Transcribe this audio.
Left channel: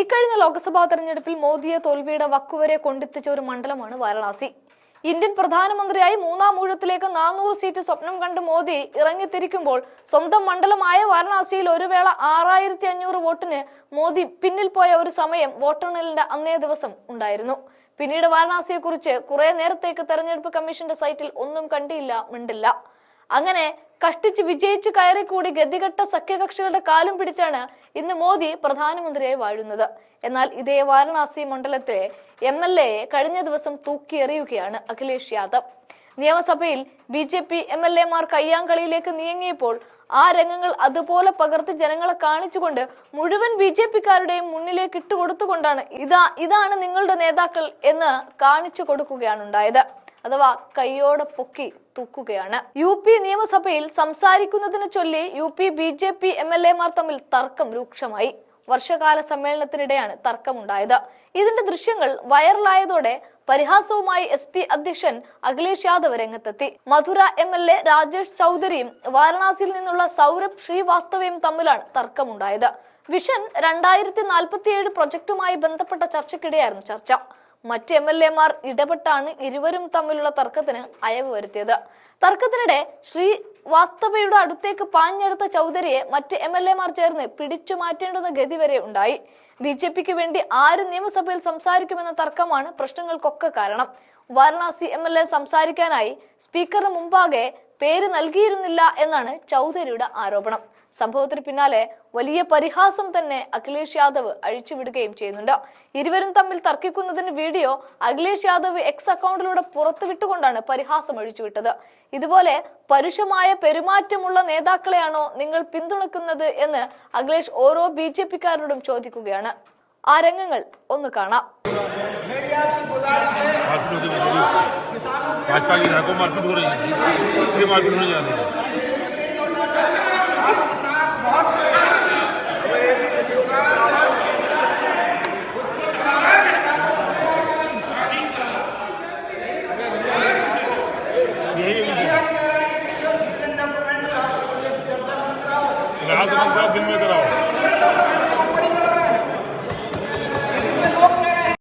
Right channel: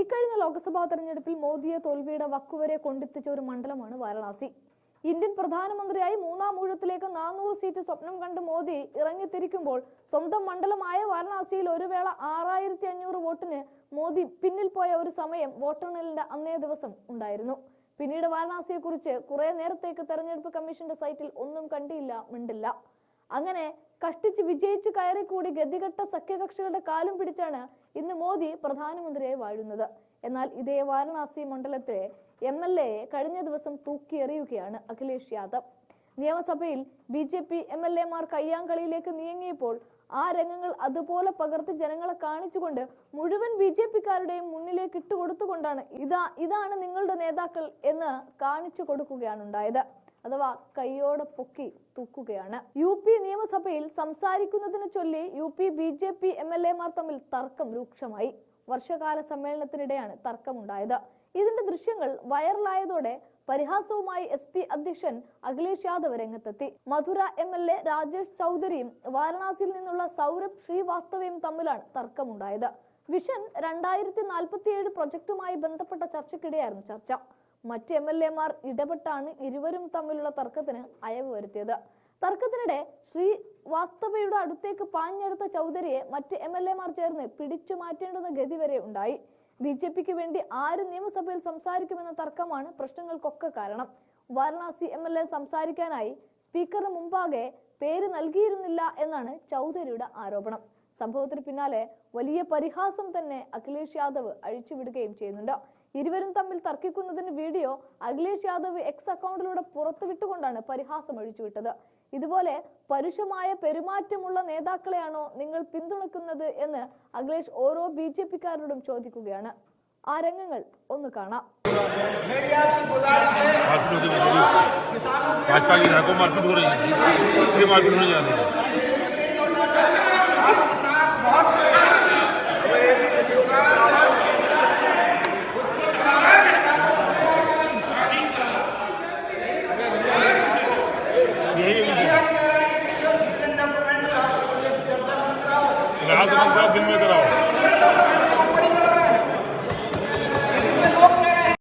ഇക്കഴിഞ്ഞ ലോക്സഭാ തെരഞ്ഞെടുപ്പിൽ മോദിയെ തോൽവിയുടെ വക്കുവരെ കൊണ്ടെത്തിച്ച ഒരു മണ്ഡലമാണ് വാരണാസി. ഇന്ത്യൻ പ്രധാനമന്ത്രിയായി മൂന്നാം ഊഴത്തിലേക്ക് 400 സീറ്റ് സ്വപ്നം കണ്ട് മോദി ഇറങ്ങിത്തിരിക്കുമ്പോൾ സ്വന്തം മണ്ഡലമായ വാരണാസിയിൽ ഒരു വേള 6500 വോട്ടിന് മോദി പിന്നിൽ പോയ ഒരു സമയം വോട്ടെണ്ണലിന്റെ അന്നേ ദിവസം ഉണ്ടായിരുന്നു. പിന്നീട് വാരണാസിയെക്കുറിച്ച് കുറെ നേരത്തേക്ക് തെരഞ്ഞെടുപ്പ് കമ്മീഷന്റെ സൈറ്റിൽ ഒന്നും കണ്ടില്ല, മിണ്ടില്ല. അങ്ങനെ കഷ്ടിച്ച് വിജയിച്ച് കയറിക്കൂടി ഗതികെട്ട സഖ്യകക്ഷികളുടെ കാലും പിടിച്ചാണ് ഇന്ന് മോദി പ്രധാനമന്ത്രിയായി വാഴുന്നത്. എന്നാൽ ഇതേ വാരണാസി മണ്ഡലത്തിലെ MLA കഴിഞ്ഞ ദിവസം തൂക്കിയെറിയുകയാണ് അഖിലേഷ് യാദവ്. നിയമസഭയിൽ BJP MLA മാർ കയ്യാങ്കളിയിലേക്ക് നീങ്ങിയപ്പോൾ ആ രംഗങ്ങൾ അതുപോലെ പകർത്തി ജനങ്ങളെ കാണിച്ചുകൊണ്ട് മുഴുവൻ BJP-കാരുടെയും മുന്നിലേക്ക് ഇട്ടുകൊടുത്തുകൊണ്ടാണ് ഇതാണ് നിങ്ങളുടെ നേതാക്കൾ എന്ന് കാണിച്ചു കൊടുക്കുകയാണ് ഉണ്ടായത്. അഥവാ കൈയോടെ പൊക്കി തൂക്കുകയാണ്. UP നിയമസഭയിൽ സംസാരിക്കുന്നതിന് ചൊല്ലി UP BJP MLA-മാർ തമ്മിൽ തർക്കം രൂക്ഷമായി. വർഷകാല സമ്മേളനത്തിനിടെയാണ് തർക്കമുണ്ടായത്. ഇതിന്റെ ദൃശ്യങ്ങൾ വൈറലായതോടെ പരിഹാസവുമായി SP അധ്യക്ഷൻ അഖിലേഷ് യാദവ് രംഗത്തെത്തി. മധുര MLA രാജേഷ് ചൗധരിയും വാരണാസിയിൽ നിന്നുള്ള സൗരഭ് ശ്രീവാസ്തവയും തമ്മിലാണ് തർക്കമുണ്ടായത്. വിഷൻ 2047 പ്രൊജക്ടുമായി ബന്ധപ്പെട്ട ചർച്ചയ്ക്കിടെയായിരുന്നു ചർച്ച. മറ്റ് MLA-മാർ ഇടപെട്ടാണ് ഇരുവരും തമ്മിലുള്ള തർക്കത്തിന് അയവ് വരുത്തിയത്. തർക്കത്തിനിടെ ശ്രീവാസ്തവയുടെ അടുത്തേക്ക് പാഞ്ഞെടുത്ത ചൗധരിയെ മറ്റ് MLA-മാർ ചേർന്ന് പിടിച്ചു മാറ്റേണ്ടുന്ന ഗതി വരെ ഉണ്ടായി. BJP-ക്ക് വേണ്ടി ആര് നിയമസഭയിൽ സംസാരിക്കുമെന്ന തർക്കമാണ് പ്രശ്നങ്ങൾക്കൊക്കെ കാരണം. വാരണാസി MLA സംസാരിക്കാനായി സ്പീക്കറിന് മുമ്പാകെ പേര് നൽകിയിരുന്നില്ല എന്നാണ് ചൗധരിയുടെ ആരോപണം. സംഭവത്തിന് പിന്നാലെ വലിയ പരിഹാസം തന്നെ അഖിലേഷ് യാദവ് അഴിച്ചുവിടുകയും ചെയ്യുന്നുണ്ട്. ഇരുവരും തമ്മിൽ തർക്കിക്കുന്നതിന് വീഡിയോ അഖിലേഷ് യാദവ് X അക്കൗണ്ടിലൂടെ പുറത്തുവിട്ടുകൊണ്ടാണ് പരിഹാസം അഴിച്ചുവിട്ടത്. ഇതുപോലെ പരുഷമായ പെരുമാറ്റമുള്ള നേതാക്കളെയാണോ നിങ്ങൾ പിന്തുണയ്ക്കുന്നത് എന്ന് അഖിലേഷ് ഓരോ BJP-കാരോടും ചോദിക്കുകയാണ്. ആ രംഗങ്ങൾ ഒന്ന് കാണാം. दिन में कराओ